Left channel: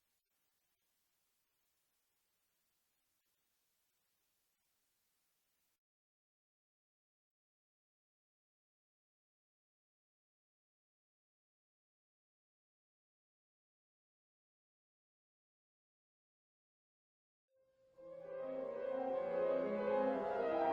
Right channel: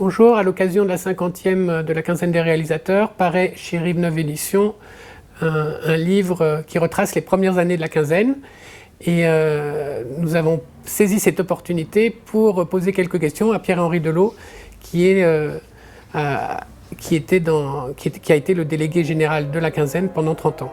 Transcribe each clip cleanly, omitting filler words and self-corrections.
Bonjour, à l'occasion de la 50e de la quinzaine des réalisateurs, paraît chez Rive-Neuve Éditions un livre qui retrace les premières années de la quinzaine. Et nous avons saisi cette opportunité pour poser quelques questions à Pierre-Henri Delot, qui a été le délégué général de la quinzaine pendant 30 ans.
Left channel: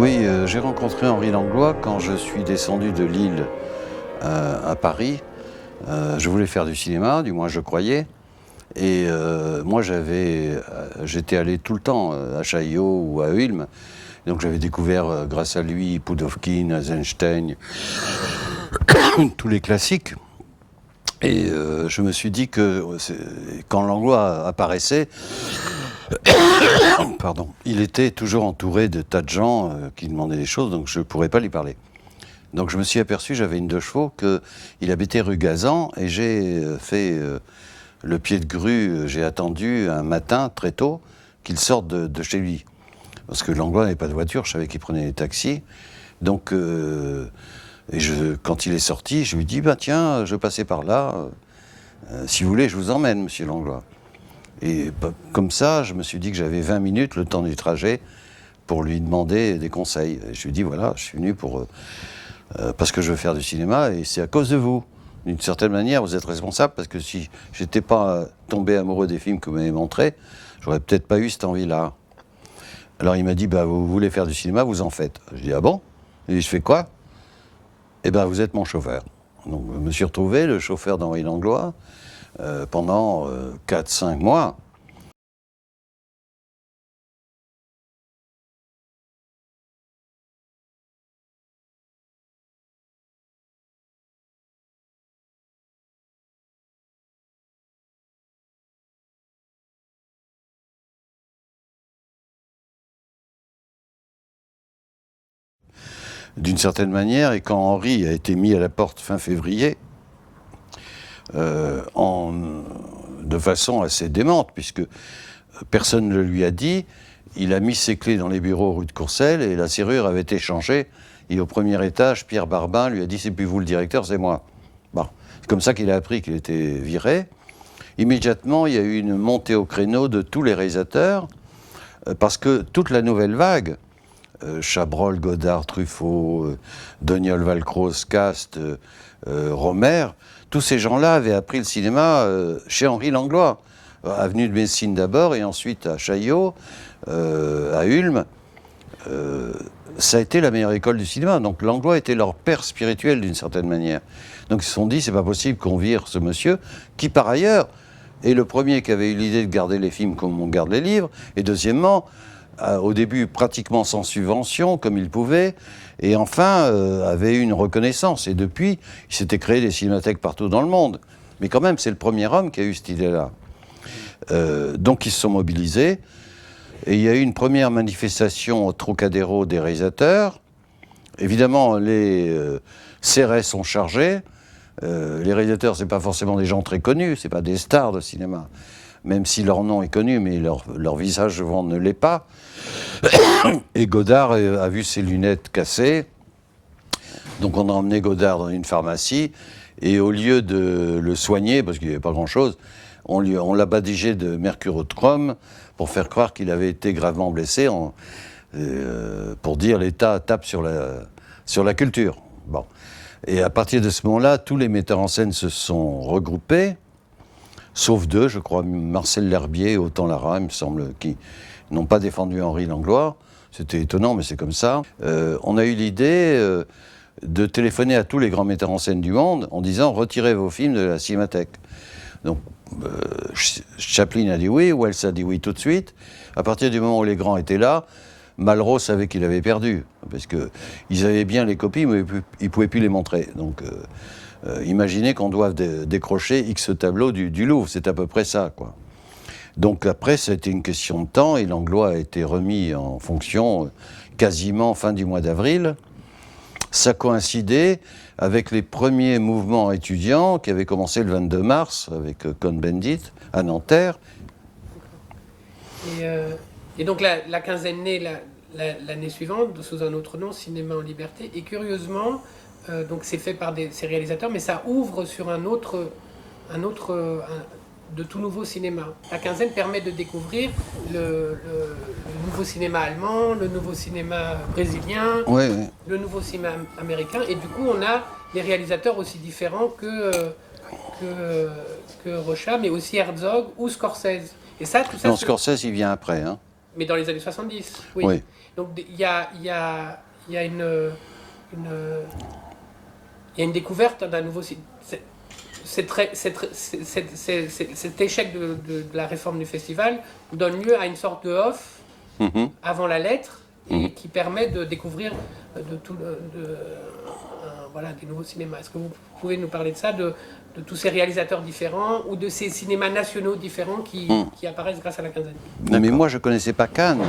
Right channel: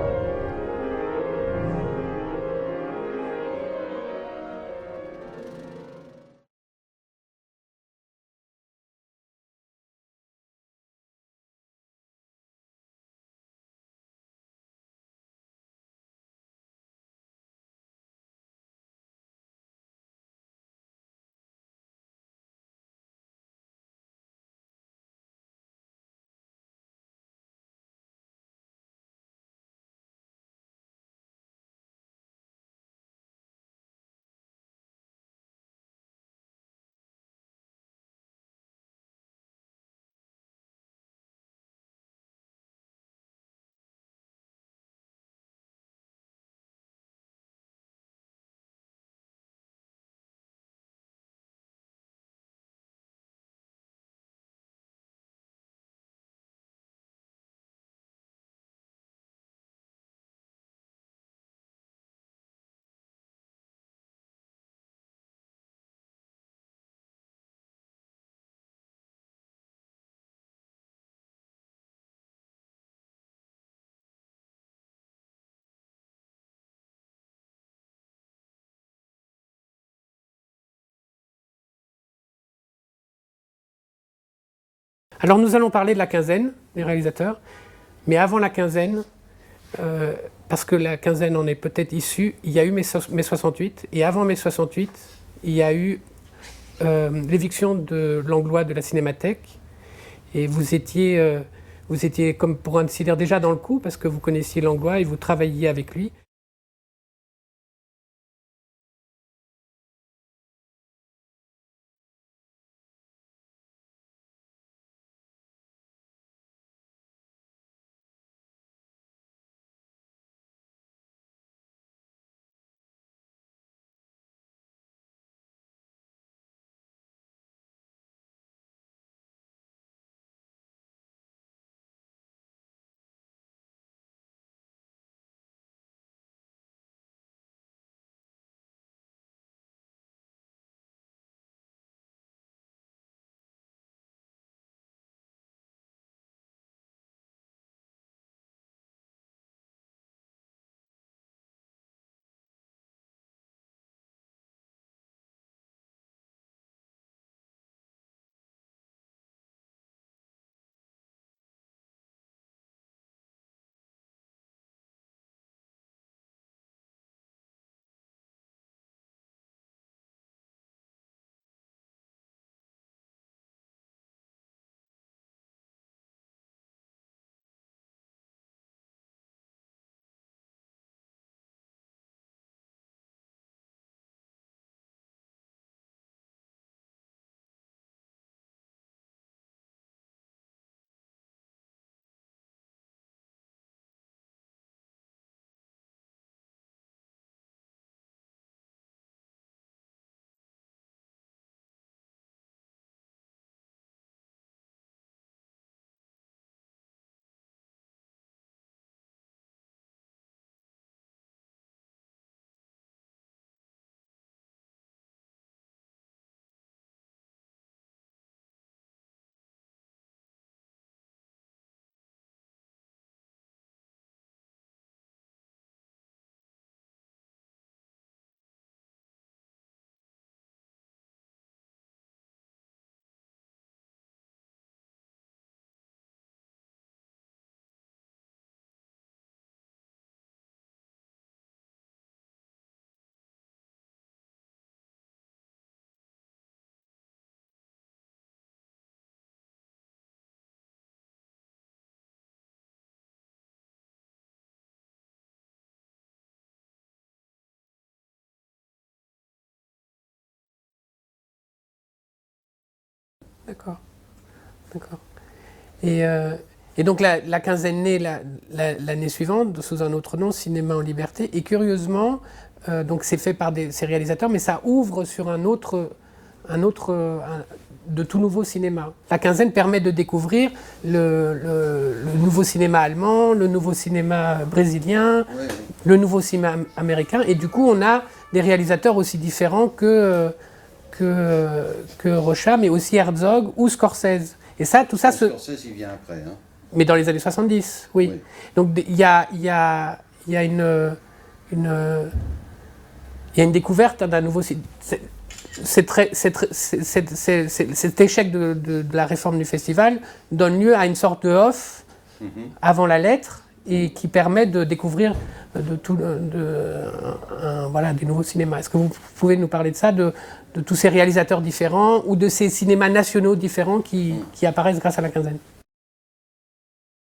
Oui, j'ai rencontré Henri Langlois quand je suis descendu de Lille à Paris. Je voulais faire du cinéma, du moins je croyais. Et moi j'étais allé tout le temps à Chaillot ou à Ulm. Donc j'avais découvert grâce à lui Pudovkin, Eisenstein, tous les classiques. Et je me suis dit que quand Langlois apparaissait, pardon, il était toujours entouré de tas de gens qui demandaient des choses, donc je ne pourrais pas lui parler. Donc je me suis aperçu, j'avais une 2 chevaux, qu'il habitait rue Gazan, et j'ai fait le pied de grue, j'ai attendu un matin très tôt qu'il sorte de chez lui. Parce que Langlois n'avait pas de voiture, je savais qu'il prenait les taxis. Donc quand il est sorti, je lui ai dit, bah, tiens, je passais par là, si vous voulez, je vous emmène, monsieur Langlois. Et comme ça, je me suis dit que j'avais 20 minutes, le temps du trajet, pour lui demander des conseils. Et je lui ai dit, voilà, je suis venu parce que je veux faire du cinéma, et c'est à cause de vous. D'une certaine manière, vous êtes responsable, parce que si je n'étais pas tombé amoureux des films que vous m'avez montrés, j'aurais peut-être pas eu cette envie-là. Alors il m'a dit, bah, vous voulez faire du cinéma, vous en faites. Je dis, ah bon? Et je fais quoi? Eh bien, vous êtes mon chauffeur. Donc je me suis retrouvé le chauffeur d'Henri Langlois pendant 4-5 mois. Alors nous allons parler de la quinzaine des réalisateurs, mais avant la quinzaine, parce que la quinzaine en est peut-être issue, il y a eu mai 68, et avant mai 68, il y a eu l'éviction de Langlois de la Cinémathèque, et vous étiez comme pour ainsi dire déjà dans le coup, parce que vous connaissiez Langlois et vous travailliez avec lui. D'une certaine manière, et quand Henri a été mis à la porte fin février, de façon assez démente, puisque personne ne le lui a dit, il a mis ses clés dans les bureaux rue de Courcelles et la serrure avait été changée. Et au premier étage, Pierre Barbin lui a dit, c'est plus vous le directeur, c'est moi. Bon, c'est comme ça qu'il a appris qu'il était viré. Immédiatement, il y a eu une montée au créneau de tous les réalisateurs, parce que toute la nouvelle vague, Chabrol, Godard, Truffaut, Doniol, Valcroze, Cast, Romer, tous ces gens-là avaient appris le cinéma chez Henri Langlois, avenue de Messine d'abord et ensuite à Chaillot, à Ulm. Ça a été la meilleure école du cinéma. Donc Langlois était leur père spirituel d'une certaine manière. Donc ils se sont dit, c'est pas possible qu'on vire ce monsieur, qui par ailleurs est le premier qui avait eu l'idée de garder les films comme on garde les livres, et deuxièmement, au début pratiquement sans subvention, comme il pouvait, et enfin avait eu une reconnaissance. Et depuis, il s'était créé des cinémathèques partout dans le monde. Mais quand même, c'est le premier homme qui a eu cette idée-là. Donc ils se sont mobilisés, et il y a eu une première manifestation au Trocadéro des réalisateurs. Évidemment, les CRS sont chargés. Les réalisateurs, ce n'est pas forcément des gens très connus, ce n'est pas des stars de cinéma. Même si leur nom est connu, mais leur visage souvent ne l'est pas. Et Godard a vu ses lunettes cassées. Donc on a emmené Godard dans une pharmacie, et au lieu de le soigner, parce qu'il n'y avait pas grand-chose, on l'a badigeé de mercurochrome pour faire croire qu'il avait été gravement blessé, pour dire l'État tape sur la culture. Bon. Et à partir de ce moment-là, tous les metteurs en scène se sont regroupés, sauf 2, je crois, Marcel L'Herbier et Autant Lara, il me semble, qui n'ont pas défendu Henri Langlois. C'était étonnant, mais c'est comme ça. On a eu l'idée de téléphoner à tous les grands metteurs en scène du monde en disant « retirez vos films de la Cinémathèque ». Donc Chaplin a dit oui, Wells a dit oui tout de suite. À partir du moment où les grands étaient là, Malraux savait qu'il avait perdu, parce qu'ils avaient bien les copies, mais ils ne pouvaient plus les montrer. Donc, imaginez qu'on doive décrocher X tableaux du Louvre, c'est à peu près ça, quoi. Donc après, ça a été une question de temps, et Langlois a été remis en fonction quasiment fin du mois d'avril. Ça coïncidait avec les premiers mouvements étudiants qui avaient commencé le 22 mars avec Cohn-Bendit à Nanterre. D'accord. Et donc la quinzaine naît l'année suivante sous un autre nom, Cinéma en Liberté. Et curieusement, donc c'est fait par ces réalisateurs, mais ça ouvre sur de tout nouveau cinéma. La quinzaine permet de découvrir le nouveau cinéma allemand, le nouveau cinéma brésilien, Ouais. le nouveau cinéma américain. Et du coup, on a des réalisateurs aussi différents que Rocha, mais aussi Herzog ou Scorsese. Et ça, tout ça... Non, Scorsese, il vient après. Hein. Mais dans les années 70, oui. Oui. Donc il y a une découverte d'un nouveau... Cet échec de la réforme du festival donne lieu à une sorte de off avant la lettre et qui permet de découvrir des nouveaux cinémas. Est-ce que vous pouvez nous parler de ça, de tous ces réalisateurs différents ou de ces cinémas nationaux différents qui apparaissent grâce à la quinzaine? Non, mais moi, je ne connaissais pas Cannes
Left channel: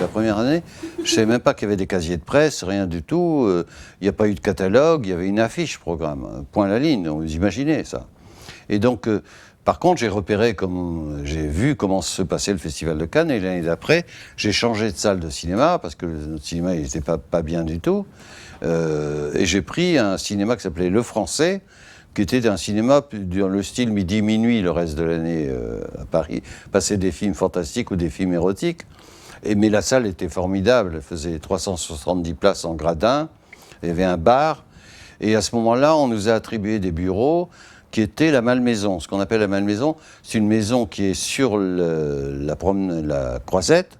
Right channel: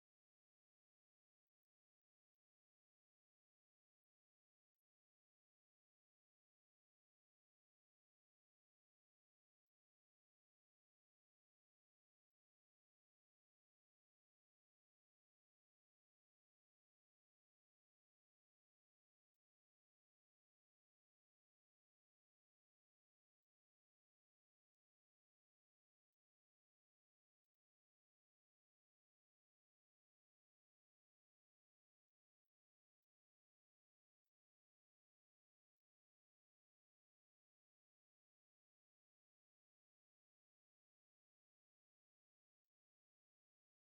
la première année. Je ne savais même pas qu'il y avait des casiers de presse, rien du tout. Il n'y a pas eu de catalogue, il y avait une affiche programme. Point à la ligne, vous imaginez ça. Et donc, par contre, j'ai vu comment se passait le Festival de Cannes. Et l'année d'après, j'ai changé de salle de cinéma parce que notre cinéma n'était pas bien du tout. Et j'ai pris un cinéma qui s'appelait Le Français, qui était un cinéma dans le style midi-minuit le reste de l'année à Paris. Passer des films fantastiques ou des films érotiques. Mais la salle était formidable. Elle faisait 370 places en gradin. Il y avait un bar. Et à ce moment-là, on nous a attribué des bureaux qui étaient la Malmaison. Ce qu'on appelle la Malmaison, c'est une maison qui est sur la Croisette,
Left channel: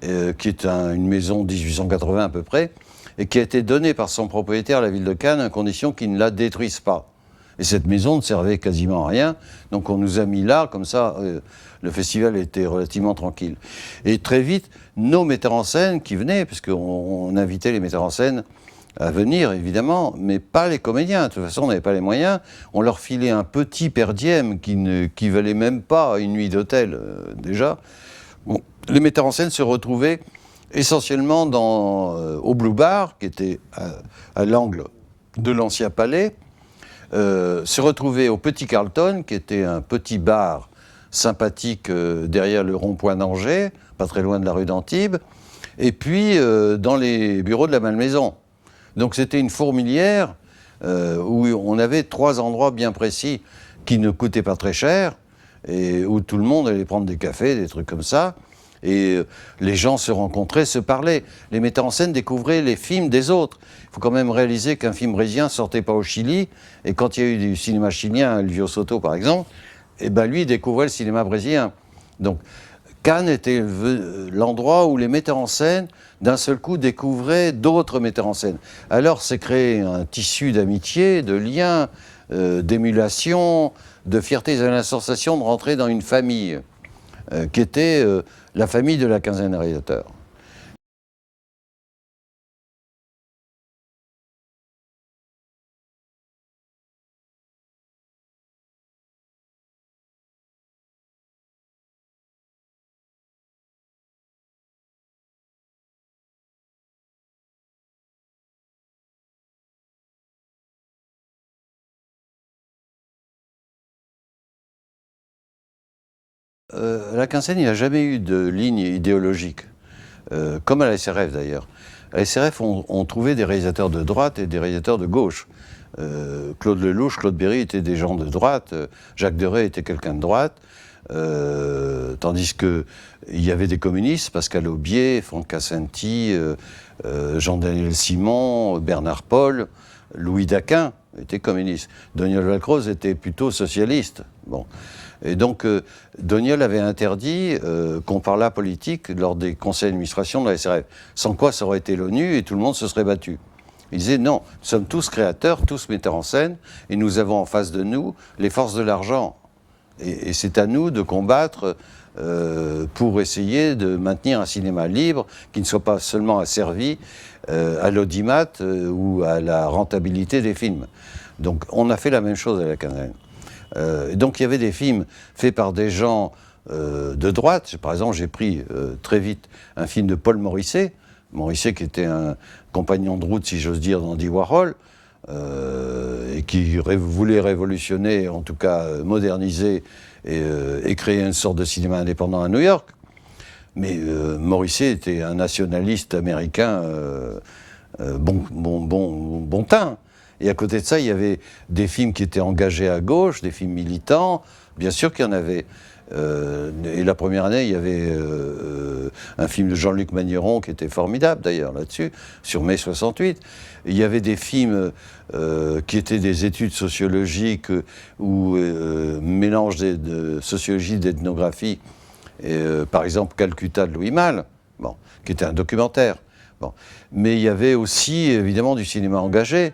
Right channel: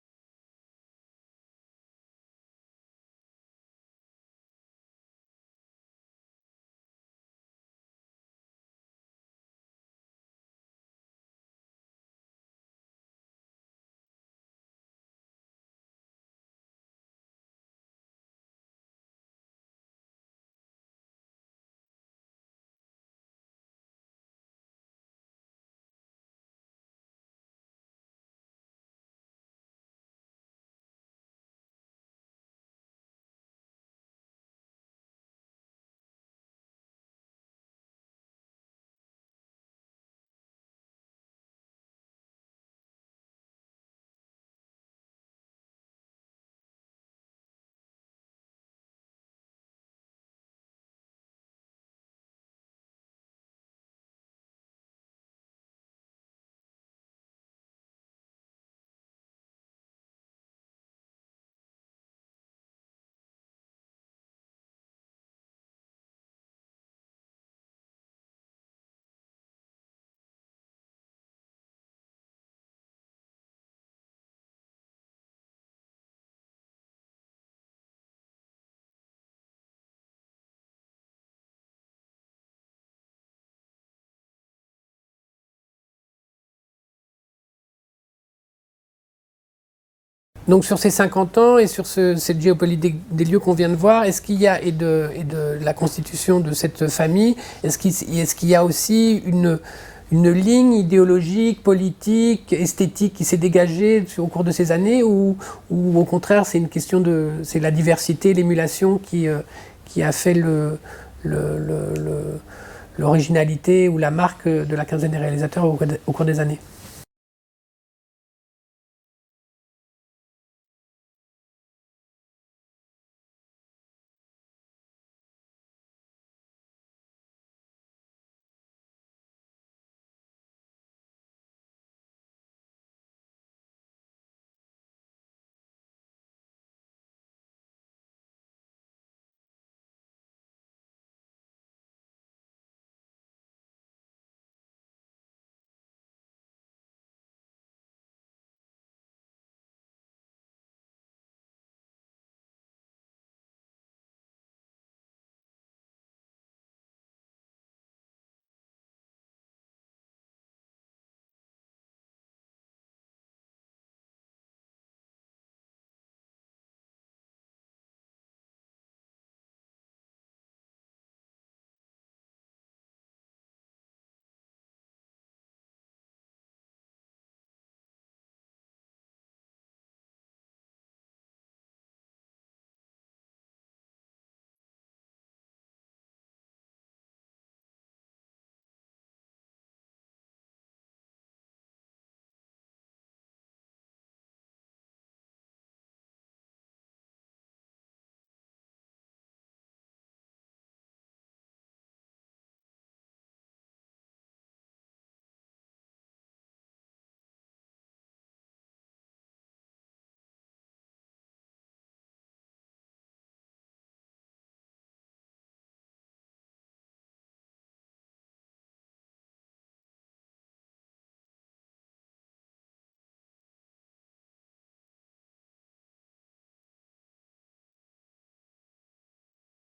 qui est une maison 1880 à peu près, et qui a été donnée par son propriétaire à la ville de Cannes à condition qu'il ne la détruise pas. Et cette maison ne servait quasiment à rien, donc on nous a mis là, comme ça, le festival était relativement tranquille. Et très vite, nos metteurs en scène qui venaient, parce qu'on invitait les metteurs en scène à venir, évidemment, mais pas les comédiens. De toute façon, on n'avait pas les moyens. On leur filait un petit per diem qui valait même pas une nuit d'hôtel, déjà. Bon, les metteurs en scène se retrouvaient essentiellement au Blue Bar, qui était à l'angle de l'ancien palais, se retrouver au Petit Carlton, qui était un petit bar sympathique derrière le rond-point d'Angers, pas très loin de la rue d'Antibes, et puis dans les bureaux de la Malmaison. Donc c'était une fourmilière où on avait 3 endroits bien précis qui ne coûtaient pas très cher et où tout le monde allait prendre des cafés, des trucs comme ça. Et les gens se rencontraient, se parlaient. Les metteurs en scène découvraient les films des autres. Il faut quand même réaliser qu'un film brésilien ne sortait pas au Chili. Et quand il y a eu du cinéma chilien, Elvio Soto par exemple, eh ben lui découvrait le cinéma brésilien. Donc Cannes était l'endroit où les metteurs en scène, d'un seul coup, découvraient d'autres metteurs en scène. Alors s'est créé un tissu d'amitié, de liens, d'émulation, de fierté. Ils avaient la sensation de rentrer dans une famille qui était la famille de la quinzaine de réalisateurs. Donc sur ces 50 ans et sur cette géopolitique des lieux qu'on vient de voir, est-ce qu'il y a, et de la constitution de cette famille, est-ce qu'il y a aussi une ligne idéologique, politique, esthétique qui s'est dégagée au cours de ces années, ou au contraire c'est une question c'est la diversité, l'émulation qui a fait l'originalité ou la marque de la quinzaine des réalisateurs au cours des années? À la quinzaine, il n'y a jamais eu de ligne idéologique, comme à la SRF d'ailleurs. À la SRF, on trouvait des réalisateurs de droite et des réalisateurs de gauche. Claude Lelouch, Claude Berry étaient des gens de droite, Jacques Deray était quelqu'un de droite, tandis qu'il y avait des communistes, Pascal Aubier, Franck Cassinti, Jean-Daniel Simon, Bernard Paul, Louis Daquin était communiste. Doniol Valcroze était plutôt socialiste. Bon. Et donc, Doniol avait interdit qu'on parlât politique lors des conseils d'administration de la SRF. Sans quoi, ça aurait été l'ONU et tout le monde se serait battu. Il disait non, nous sommes tous créateurs, tous metteurs en scène, et nous avons en face de nous les forces de l'argent. Et c'est à nous de combattre pour essayer de maintenir un cinéma libre qui ne soit pas seulement asservi à l'audimat ou à la rentabilité des films. Donc on a fait la même chose à la quinzaine. Donc il y avait des films faits par des gens de droite. Par exemple, j'ai pris très vite un film de Paul Morisset, qui était un compagnon de route, si j'ose dire, d'Andy Warhol, et qui voulait révolutionner, en tout cas moderniser et créer une sorte de cinéma indépendant à New York. Mais Morisset était un nationaliste américain bon teint. Et à côté de ça, il y avait des films qui étaient engagés à gauche, des films militants. Bien sûr qu'il y en avait. Et la première année, il y avait un film de Jean-Luc Magneron qui était formidable d'ailleurs là-dessus, sur mai 68. Il y avait des films qui étaient des études sociologiques ou mélange de sociologie, d'ethnographie. Par exemple, Calcutta de Louis Malle, bon, qui était un documentaire. Bon. Mais il y avait aussi évidemment du cinéma engagé.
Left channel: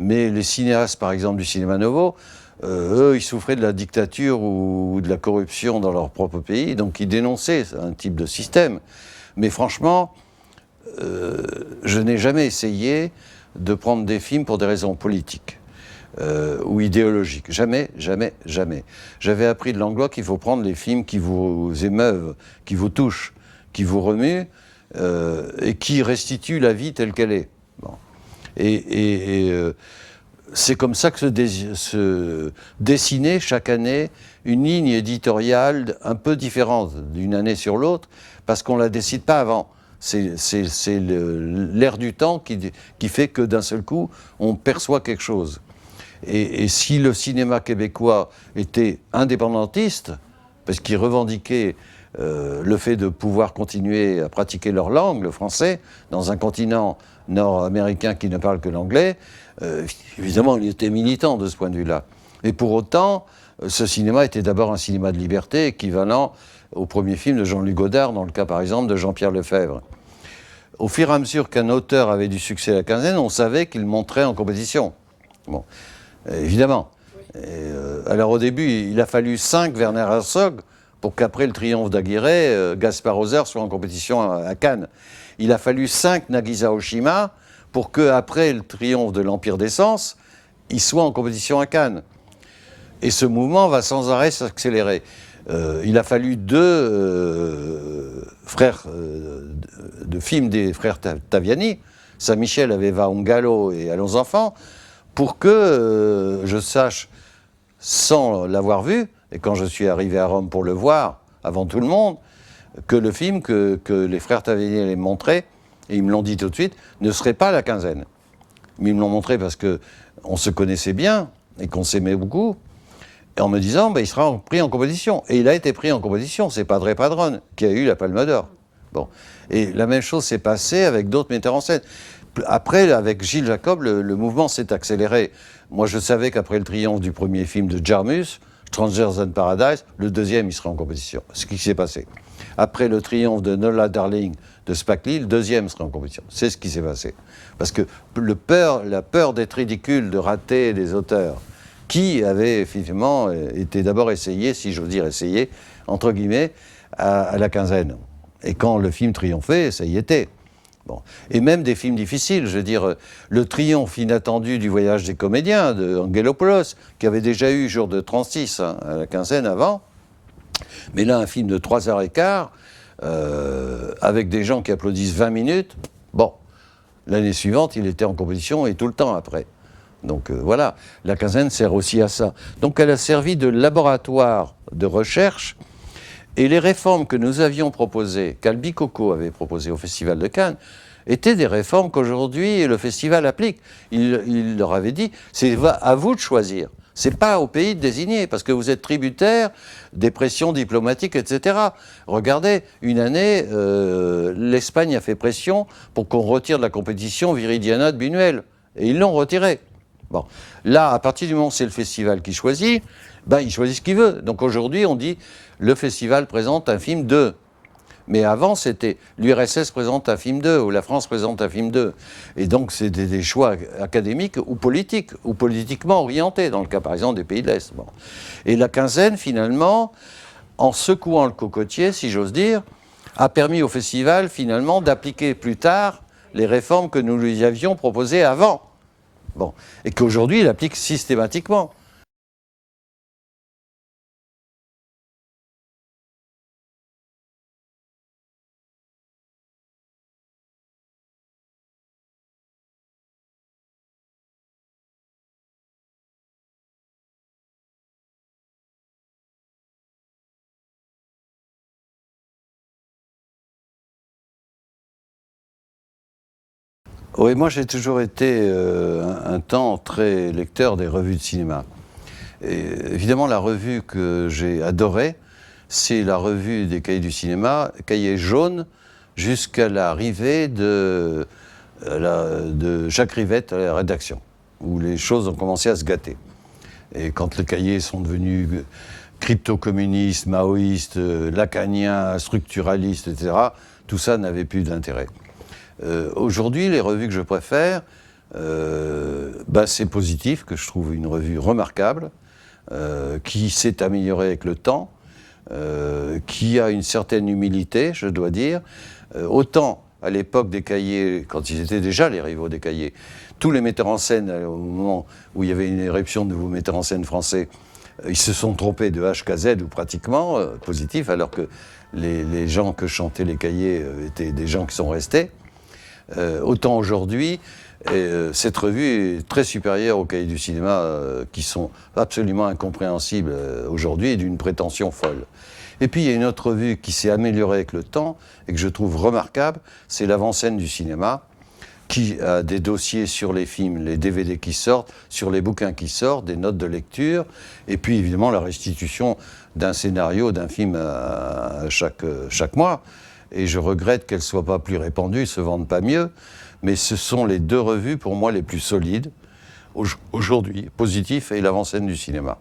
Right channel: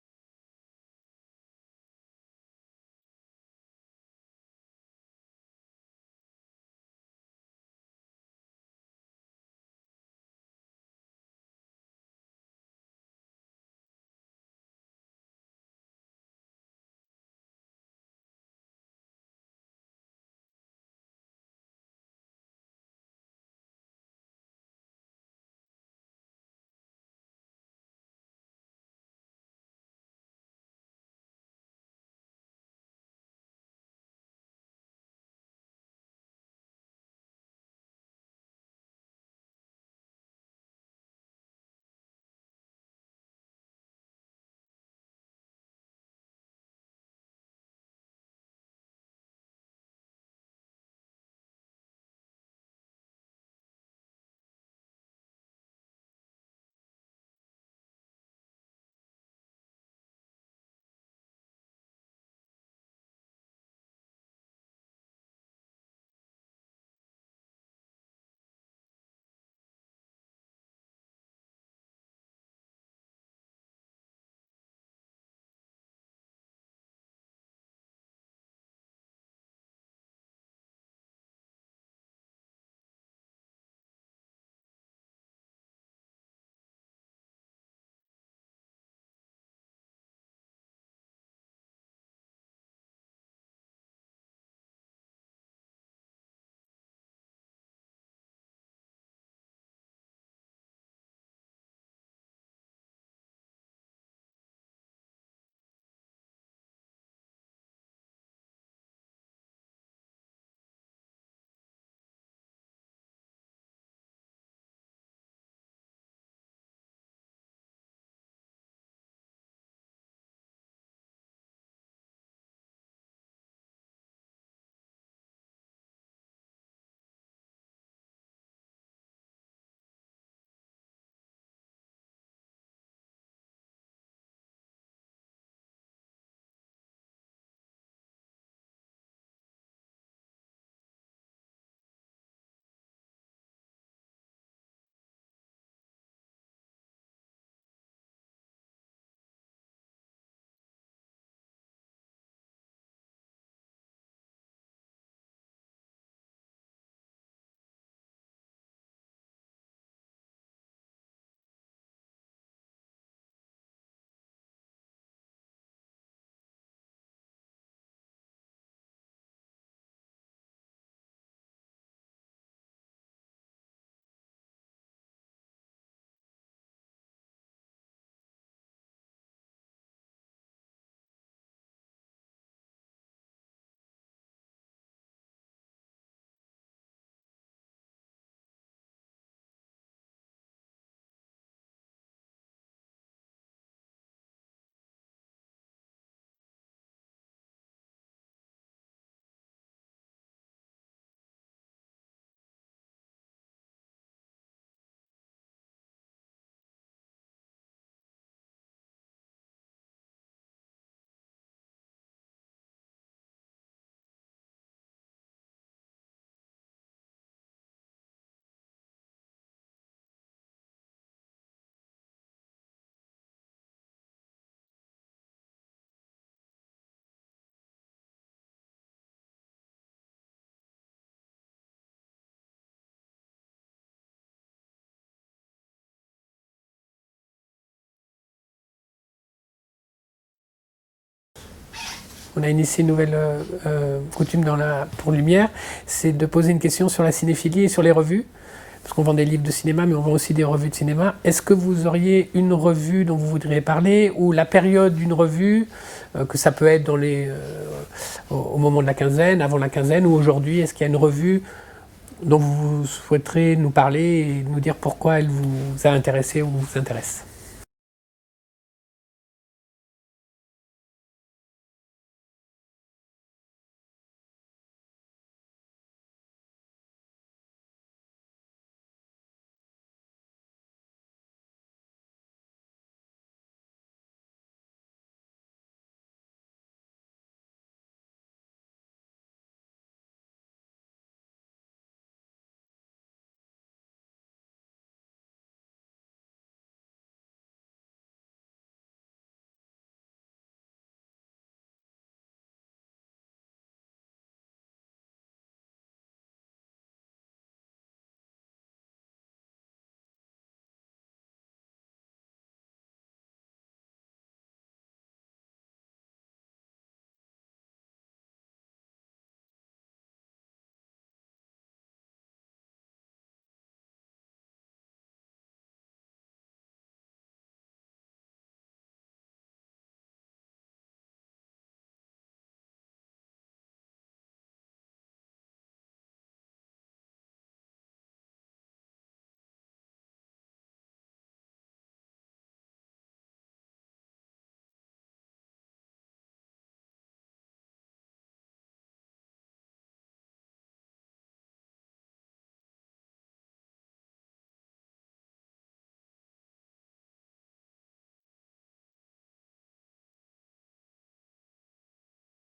Mais les cinéastes, par exemple, du cinéma nouveau, eux, ils souffraient de la dictature ou de la corruption dans leur propre pays, donc ils dénonçaient un type de système. Mais franchement, je n'ai jamais essayé de prendre des films pour des raisons politiques ou idéologiques. Jamais, jamais, jamais. J'avais appris de Langlois qu'il faut prendre les films qui vous émeuvent, qui vous touchent, qui vous remuent et qui restituent la vie telle qu'elle est. Bon. C'est comme ça que se dessinait chaque année une ligne éditoriale un peu différente d'une année sur l'autre, parce qu'on ne la décide pas avant. C'est l'air du temps qui fait que d'un seul coup, on perçoit quelque chose. Et si le cinéma québécois était indépendantiste, parce qu'il revendiquait le fait de pouvoir continuer à pratiquer leur langue, le français, dans un continent nord-américain qui ne parle que l'anglais, évidemment, il était militant de ce point de vue-là. Et pour autant, ce cinéma était d'abord un cinéma de liberté, équivalent au premier film de Jean-Luc Godard, dans le cas, par exemple, de Jean-Pierre Lefebvre. Au fur et à mesure qu'un auteur avait du succès à la quinzaine, on savait qu'il montrait en compétition. Bon, évidemment. Alors au début, il a fallu 5 Werner Herzog pour qu'après le triomphe d'Aguirre, Gaspard Hauser soit en compétition à Cannes. Il a fallu 5 Nagisa Oshima pour qu'après le triomphe de l'Empire des Sens, il soit en compétition à Cannes. Et ce mouvement va sans arrêt s'accélérer. Il a fallu 2 frères de films des frères Taviani, Saint-Michel, Aveva Ungalo et Allons enfants, pour que je sache, sans l'avoir vu, et quand je suis arrivé à Rome pour le voir, avant tout le monde, que le film que les frères Taviani allaient montrer, et ils me l'ont dit tout de suite, ne serait pas la quinzaine. Mais ils me l'ont montré parce qu'on se connaissait bien et qu'on s'aimait beaucoup, et en me disant, il sera pris en compétition. Et il a été pris en compétition, c'est Padre Padron qui a eu la Palme d'Or. Bon. Et la même chose s'est passée avec d'autres metteurs en scène. Après, avec Gilles Jacob, le mouvement s'est accéléré. Moi, je savais qu'après le triomphe du premier film de Jarmus, Strangers in Paradise, le deuxième, il serait en compétition. Ce qui s'est passé. Après le triomphe de Nola Darling de Spike Lee, le deuxième serait en compétition. C'est ce qui s'est passé. Parce que la peur d'être ridicule, de rater des auteurs qui avaient effectivement été d'abord essayés, si j'ose dire essayés, entre guillemets, à la quinzaine. Et quand le film triomphait, ça y était. Bon. Et même des films difficiles, je veux dire, le triomphe inattendu du Voyage des comédiens de Angelopoulos, qui avait déjà eu Jour de 36 à la quinzaine avant, mais là un film de 3h15, avec des gens qui applaudissent 20 minutes, bon, l'année suivante il était en compétition et tout le temps après. Donc voilà, la quinzaine sert aussi à ça. Donc elle a servi de laboratoire de recherche. Et les réformes que nous avions proposées, qu'Albicoco avait proposées au Festival de Cannes, étaient des réformes qu'aujourd'hui le festival applique. Il leur avait dit, c'est à vous de choisir. C'est pas au pays de désigner, parce que vous êtes tributaire des pressions diplomatiques, etc. Regardez, une année, l'Espagne a fait pression pour qu'on retire de la compétition Viridiana de Buñuel. Et ils l'ont retiré. Bon. Là, à partir du moment où c'est le festival qui choisit, il choisit ce qu'il veut. Donc aujourd'hui, on dit, le festival présente un film 2. Mais avant, c'était l'URSS présente un film 2, ou la France présente un film 2. Et donc, c'est des choix académiques ou politiquement orientés, dans le cas, par exemple, des pays de l'Est. Bon. Et la quinzaine, finalement, en secouant le cocotier, si j'ose dire, a permis au festival, finalement, d'appliquer plus tard les réformes que nous lui avions proposées avant. Bon. Et qu'aujourd'hui, il applique systématiquement. On a initié une nouvelle coutume pour Lumière, c'est de poser une question sur la cinéphilie et sur les revues. Parce qu'on vend des livres de cinéma, mais on vend aussi des revues de cinéma. Est-ce que vous auriez une revue dont vous voudriez parler, ou la période d'une revue, que ça peut être au moment de la quinzaine, avant la quinzaine, ou aujourd'hui? Est-ce qu'il y a une revue dont vous souhaiterez nous parler et nous dire pourquoi elle vous a intéressé ou vous intéresse? Oui, moi j'ai toujours été un temps très lecteur des revues de cinéma. Et évidemment, la revue que j'ai adorée, c'est la revue des Cahiers du cinéma, Cahiers jaunes, jusqu'à l'arrivée de Jacques Rivette à la rédaction, où les choses ont commencé à se gâter. Et quand les cahiers sont devenus crypto-communistes, maoïstes, lacaniens, structuralistes, etc., tout ça n'avait plus d'intérêt. Aujourd'hui, les revues que je préfère, c'est Positif, que je trouve une revue remarquable, qui s'est améliorée avec le temps, qui a une certaine humilité, je dois dire. Autant à l'époque des cahiers, quand ils étaient déjà les rivaux des cahiers, tous les metteurs en scène, au moment où il y avait une éruption de nouveaux metteurs en scène français, ils se sont trompés de H à Z, ou pratiquement, Positif, alors que les gens que chantaient les cahiers étaient des gens qui sont restés. Autant aujourd'hui, cette revue est très supérieure aux cahiers du cinéma qui sont absolument incompréhensibles aujourd'hui et d'une prétention folle. Et puis il y a une autre revue qui s'est améliorée avec le temps et que je trouve remarquable, c'est l'Avant-Scène du cinéma, qui a des dossiers sur les films, les DVD qui sortent, sur les bouquins qui sortent, des notes de lecture, et puis évidemment la restitution d'un scénario, d'un film chaque mois. Et je regrette qu'elles ne soient pas plus répandues, ne se vendent pas mieux, mais ce sont les deux revues pour moi les plus solides aujourd'hui, Positif et l'Avant-Scène du cinéma.